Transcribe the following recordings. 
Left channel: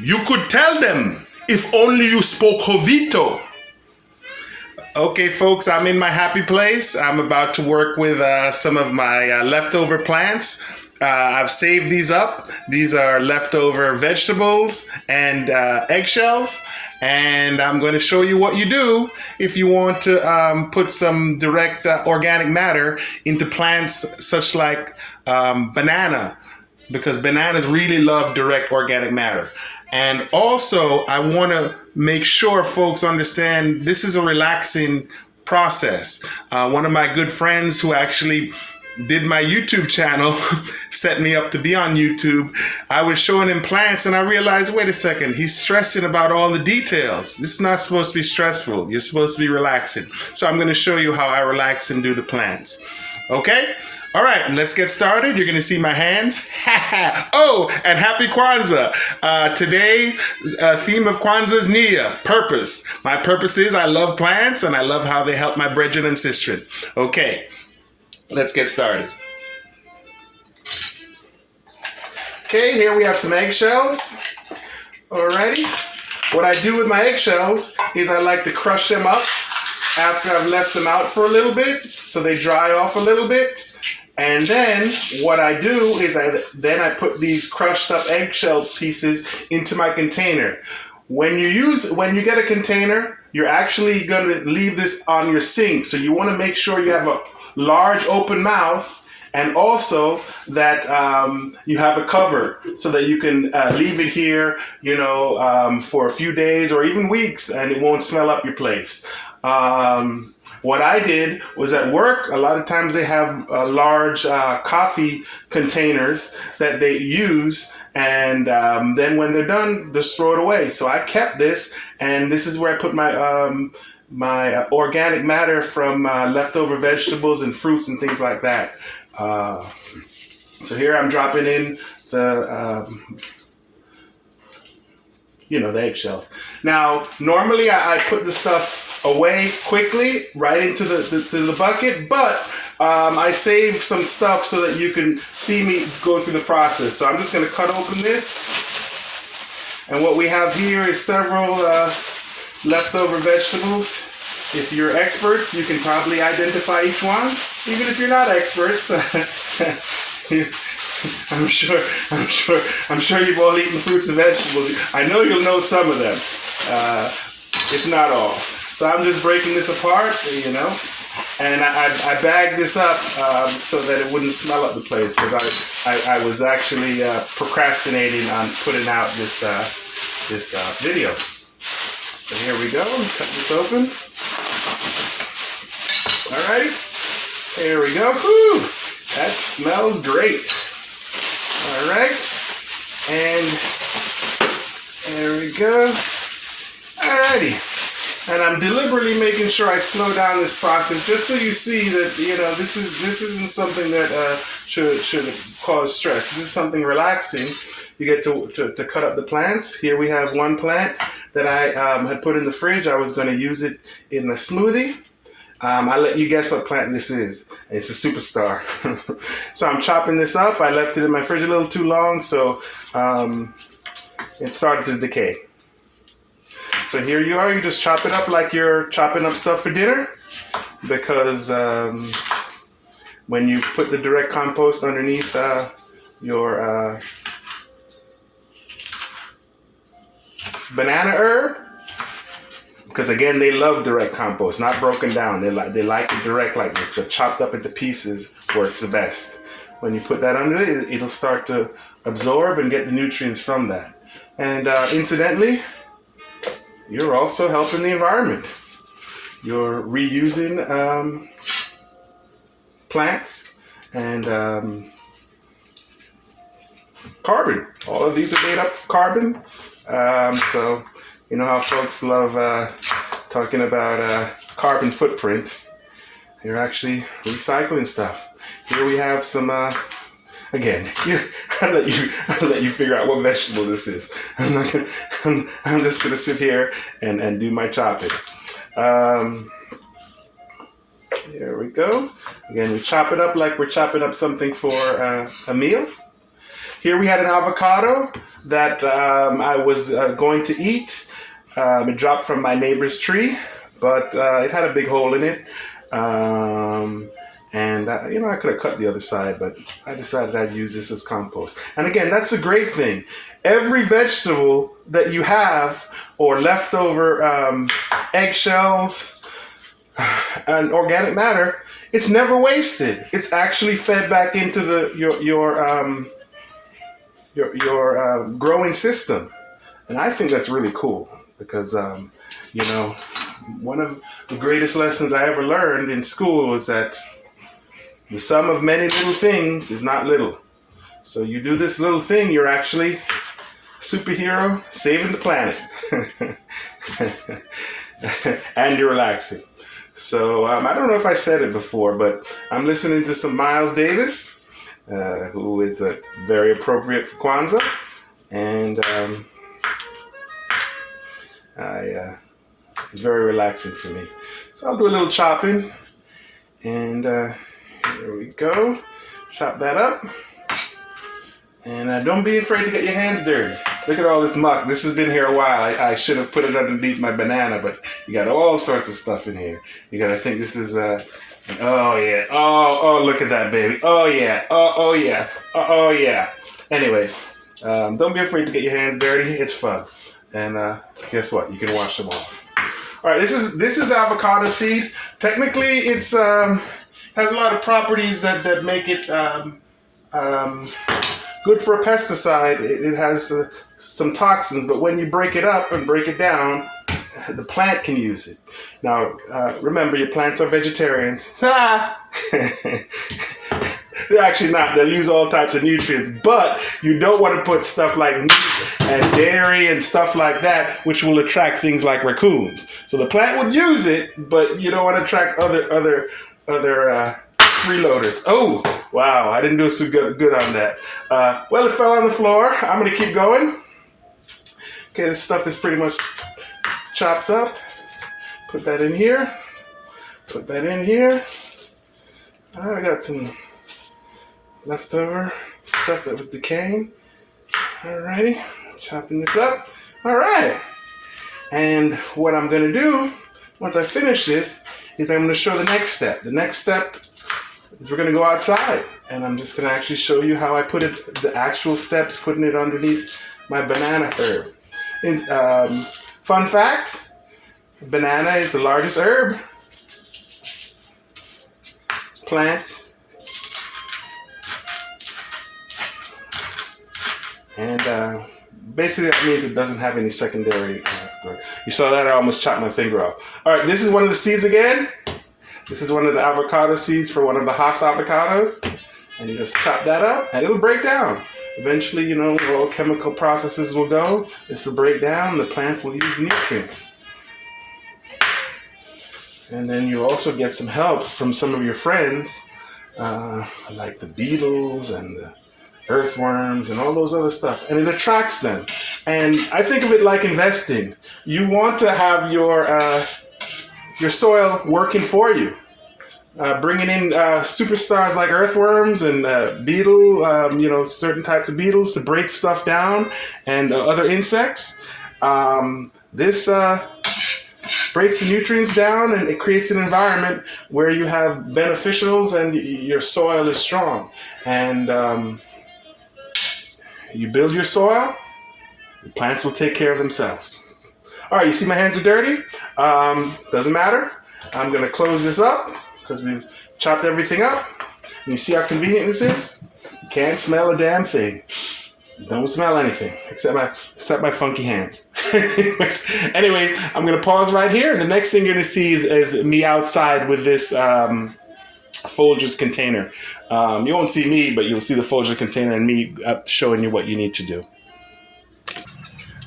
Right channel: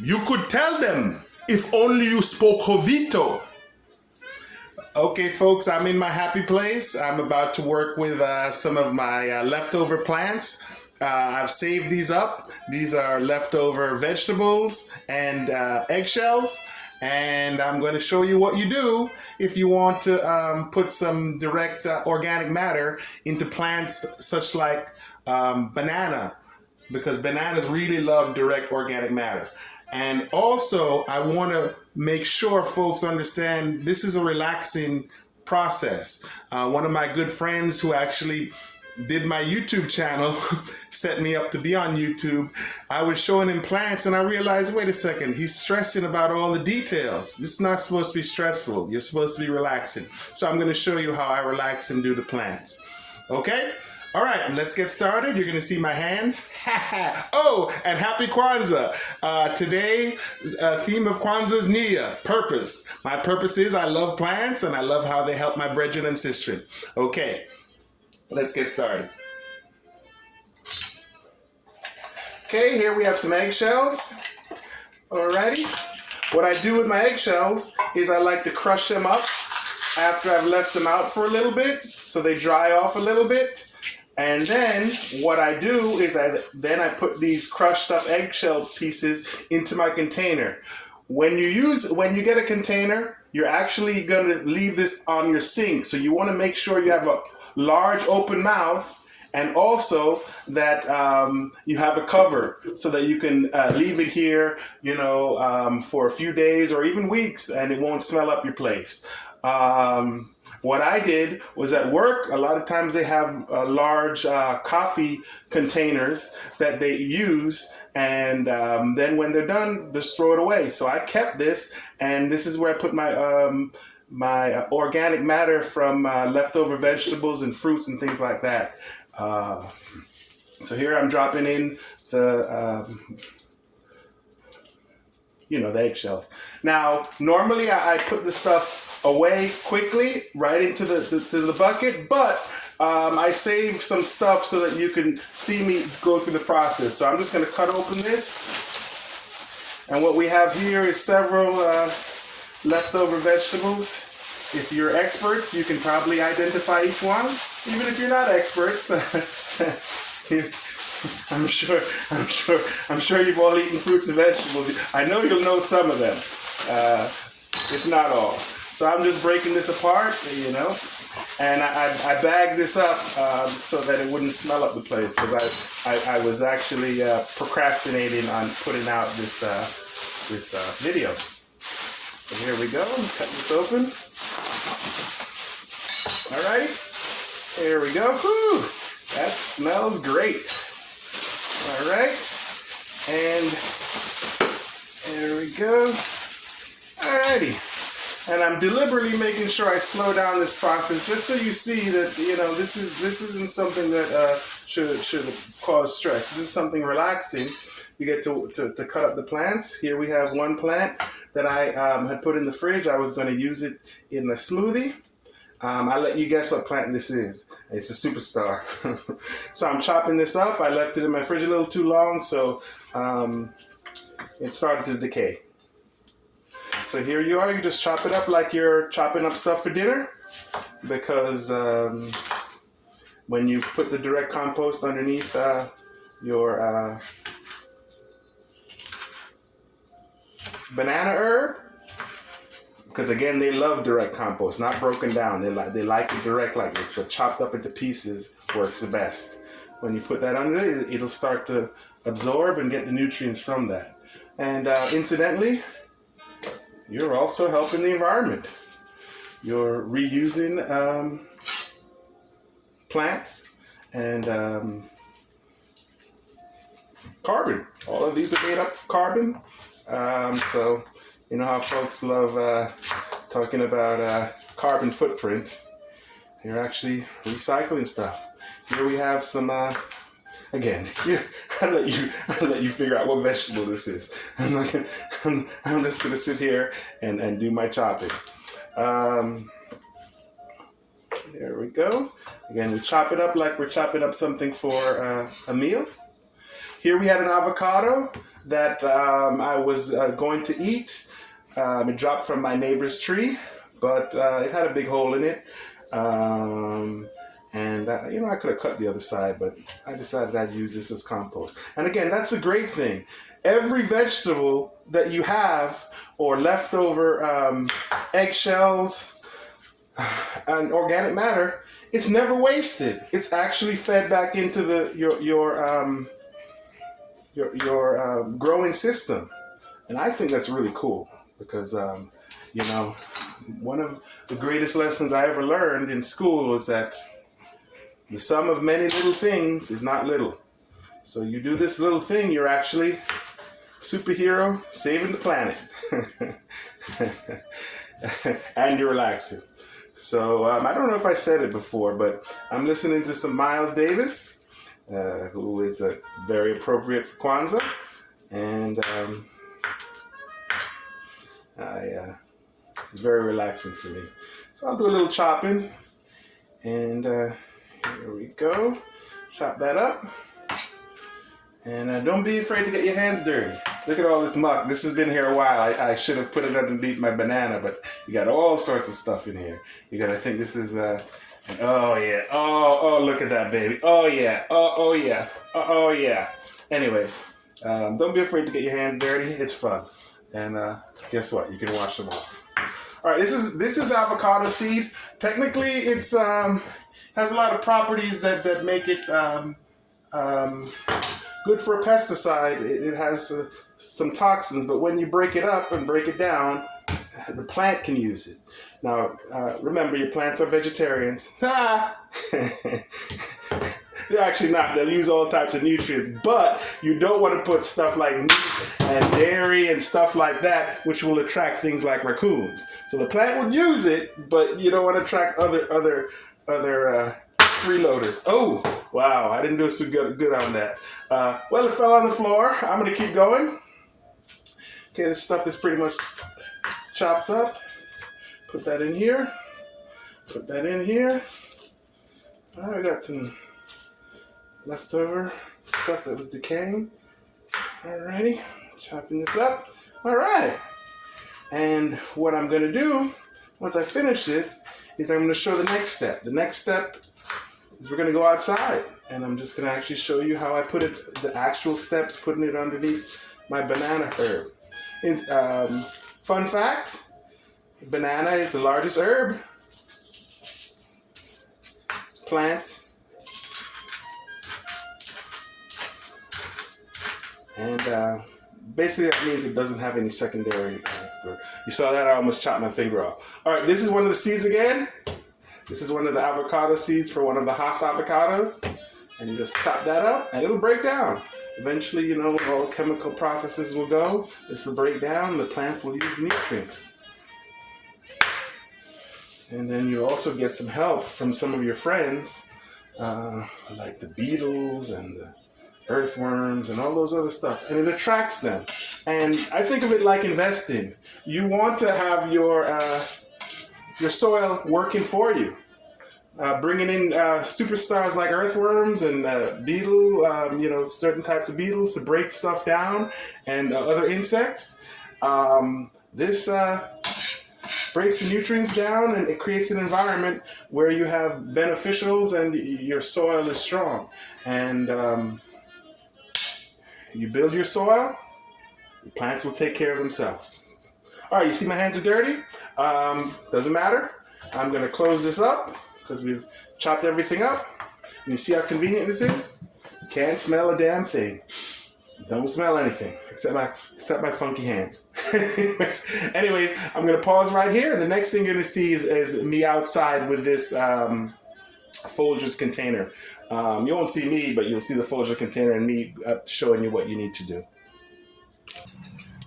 You could tell them if only you spoke Jovito. Okay, folks, I'm in my happy place. I'm about to work with some of my leftover plants. I've saved these up. These are leftover vegetables and eggshells. And I'm going to show you what you do if you want to put some direct organic matter into plants such like banana, because bananas really love direct organic matter. And also, I want to make sure folks understand this is a relaxing process. One of my good friends who actually did my YouTube channel set me up to be on YouTube. I was showing him plants and I realized, wait a second, he's stressing about all the details. This is not supposed to be stressful. You're supposed to be relaxing. So I'm going to show you how I relax and do the plants. Okay? All right, let's get started. You're going to see my hands. Oh, and happy Kwanzaa. Today, theme of Kwanzaa is Nia, purpose. My purpose is I love plants and I love how they help my brethren and sistren. Okay, let's get started. Okay, here we have some eggshells. Alrighty. What I do with my eggshells is I like to crush them up after I've left them out for a little bit so they dry off a little bit. And then what I do is I put these crushed up eggshell pieces into my container. When you get a container, you're actually going to leave this on your sink. So you want to make sure you have a large open mouth and also that you have a cover so that you can leave it here, for a few days or even weeks and it won't smell up your place. What I did was at work, a lot of times they have large coffee containers that they use, and then when they're done, just throw it away. So I kept this, and this is where I put my organic matter from leftover vegetables and fruits and things like that. So here I'm dropping in the the eggshells. Now, normally I put the stuff away quickly right into the bucket, but I save some stuff so that you can see me go through the process. So I'm just going to cut open this, and what we have here is several leftover vegetables. If you're experts, you can probably identify each one. Even if you're not experts, I'm sure you've all eaten fruits and vegetables. I know you'll know some of them, if not all. So I'm just breaking this apart, and I bagged this up so that it wouldn't smell up the place, because I was actually procrastinating on putting out this video. So here we go. Cut this open. Alrighty, here we go. Whew, that smells great. All right, and there we go. Alrighty. And I'm deliberately making sure I slow down this process just so you see that, this isn't something that should cause stress. This is something relaxing. You get to cut up the plants. Here we have one plant that I had put in the fridge. I was going to use it in a smoothie. I'll let you guess what plant this is. It's a superstar. So I'm chopping this up. I left it in my fridge a little too long, so it started to decay. So here you are. You just chop it up like you're chopping up stuff for dinner, because when you put the direct compost underneath your banana herb, because again, they love direct compost, not broken down. They like it direct like this. The chopped up into pieces works the best. When you put that under it, it'll start to absorb and get the nutrients from that. And incidentally, you're also helping the environment. You're reusing plants and carbon. All of these are made up of carbon. So you know how folks love talking about carbon footprint. You're actually recycling stuff. Here we have some. Again, I'll let you figure out what vegetable this is. I'm just gonna sit here and do my chopping. There we go. Again, we chop it up like we're chopping up something for a meal. Here we had an avocado that I was going to eat. It dropped from my neighbor's tree, but it had a big hole in it. And I could have cut the other side, but I decided I'd use this as compost. And again, that's a great thing. Every vegetable that you have, or leftover eggshells and organic matter, it's never wasted. It's actually fed back into your growing system, and I think that's really cool because one of the greatest lessons I ever learned in school was that the sum of many little things is not little. So you do this little thing, you're actually superhero saving the planet. And you're relaxing. So I don't know if I said it before, but I'm listening to some Miles Davis, who is very appropriate for Kwanzaa. And it's very relaxing for me. So I'll do a little chopping. And here we go. Chop that up. And don't be afraid to get your hands dirty. Look at all this muck. This has been here a while. I should have put it underneath my banana, but you got all sorts of stuff in here. I think this is, oh yeah. Oh, look at that, baby. Oh yeah. Oh yeah. Oh yeah. Anyways, don't be afraid to get your hands dirty. It's fun. And guess what? You can wash them off. All right, this is avocado seed. Technically, it's has a lot of properties that make it good for a pesticide. It has some toxins, but when you break it up and break it down, the plant can use it. Now, remember, your plants are vegetarians. They're actually not. They'll use all types of nutrients, but you don't want to put stuff like meat and dairy and stuff like that, which will attract things like raccoons. So the plant would use it, but you don't want to attract other freeloaders. Oh, wow, I didn't do so good on that. Well, it fell on the floor. I'm going to keep going. Okay, this stuff is pretty much chopped up. Put that in here. Put that in here. I got some leftover stuff that was decaying. Alrighty, chopping this up. Alright. And what I'm going to do, once I finish this, is I'm going to show the next step. The next step is we're going to go outside, and I'm just going to actually show you how I put it, the actual steps, putting it underneath my banana herb. Fun fact, banana is the largest herb plant, and basically that means it doesn't have any secondary growth. You saw that? I almost chopped my finger off. All right, this is one of the seeds again. This is one of the avocado seeds for one of the Hass avocados. And you just chop that up and it'll break down. Eventually, all chemical processes will go. This will break down. The plants will use nutrients. And then you'll also get some help from some of your friends, like the beetles and the earthworms and all those other stuff. And it attracts them. And I think of it like investing. You want to have your soil working for you. Bringing in superstars like earthworms and certain types of beetles to break stuff down, and other insects. This breaks the nutrients down, and it creates an environment where you have beneficials and your soil is strong. And you build your soil, the plants will take care of themselves. All right, you see my hands are dirty? Doesn't matter. I'm going to close this up because we've chopped everything up. And you see how convenient this is? You can't smell a damn thing. Don't smell anything except my funky hands. Anyways, I'm going to pause right here. And the next thing you're going to see is me outside with this Folgers container. You won't see me, but you'll see the Folgers container and me showing you what you need to do.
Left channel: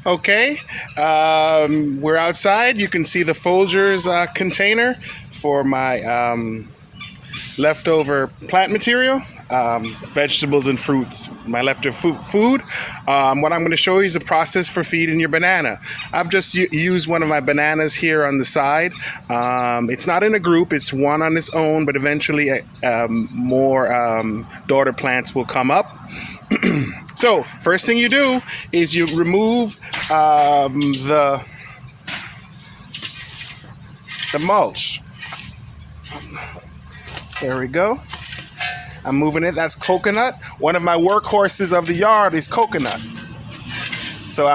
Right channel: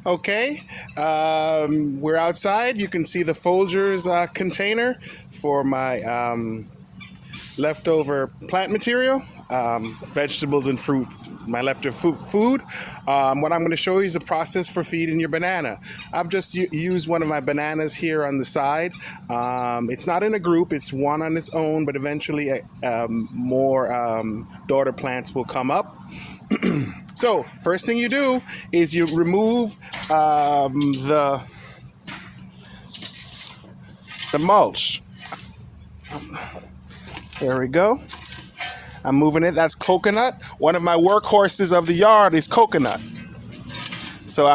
Okay, we're outside. You can see the Folgers container for my leftover plant material, vegetables and fruits, my leftover food. What I'm going to show you is the process for feeding your banana. I've just used one of my bananas here on the side. It's not in a group, it's one on its own, but eventually more daughter plants will come up. So first thing you do is you remove the mulch. There we go. I'm moving it. That's coconut. One of my workhorses of the yard is coconut. So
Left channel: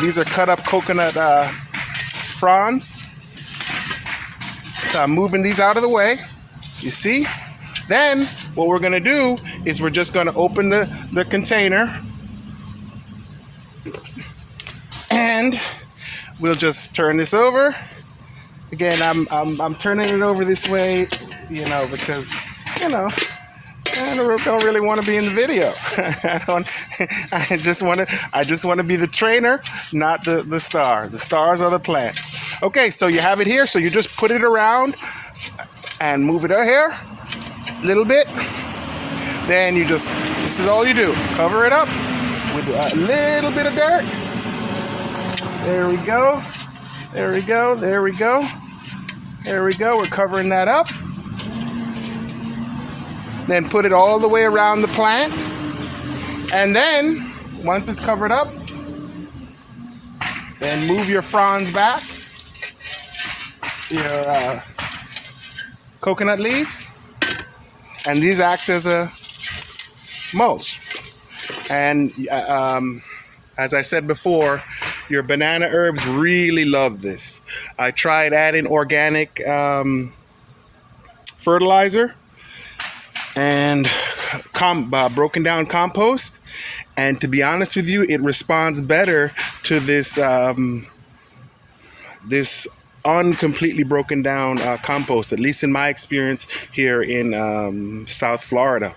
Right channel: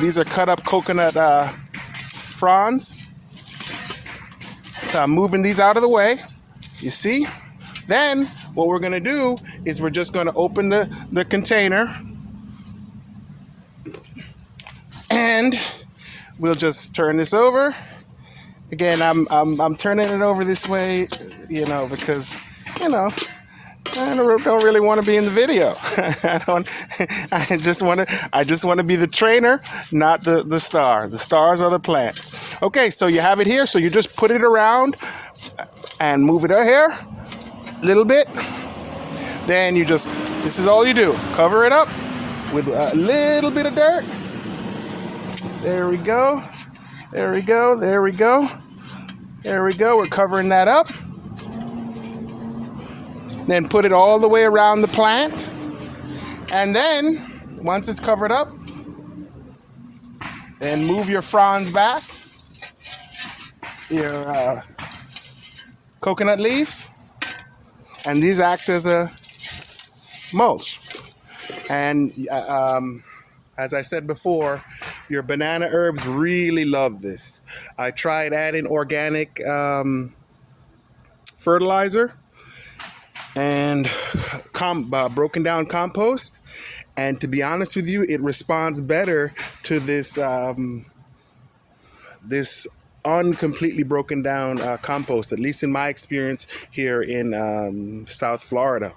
these are cut up coconut fronds. So I'm moving these out of the way. You see? Then what we're gonna do is we're just gonna open the container and we'll just turn this over. Again, I'm turning it over this way, because I don't really want to be in the video. I just want to be the trainer, not the star. The stars are the plants. Okay, so you have it here. So you just put it around and move it out here a little bit. Then this is all you do. Cover it up with a little bit of dirt. There we go. There we go. There we go. There we go. We're covering that up. Then put it all the way around the plant. And then, once it's covered up, then move your fronds back, your coconut leaves, and these act as a mulch. And as I said before, your banana herbs really love this. I tried adding organic fertilizer and broken down compost, and to be honest with you, it responds better to this this uncompletely broken down compost, at least in my experience here in South Florida.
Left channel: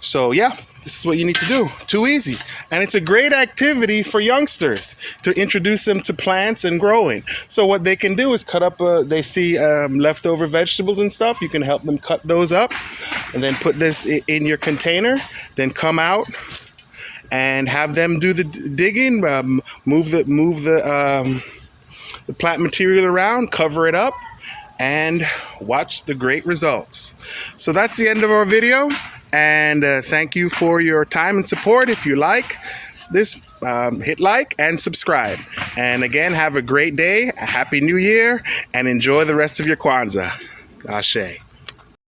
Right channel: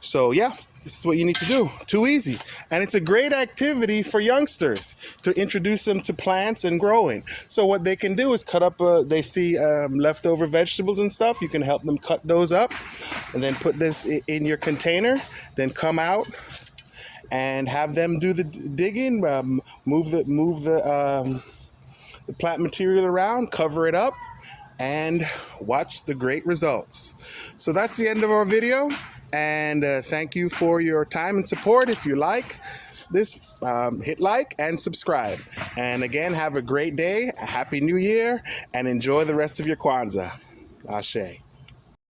So yeah, this is what you need to do. Too easy. And it's a great activity for youngsters to introduce them to plants and growing. So what they can do is cut up, they see leftover vegetables and stuff. You can help them cut those up and then put this in your container. Then come out and have them do the digging, move the plant material around, cover it up, and watch the great results. So that's the end of our video. And thank you for your time and support. If you like this, hit like and subscribe. And again, have a great day, a happy new year, and enjoy the rest of your Kwanzaa. Ashe.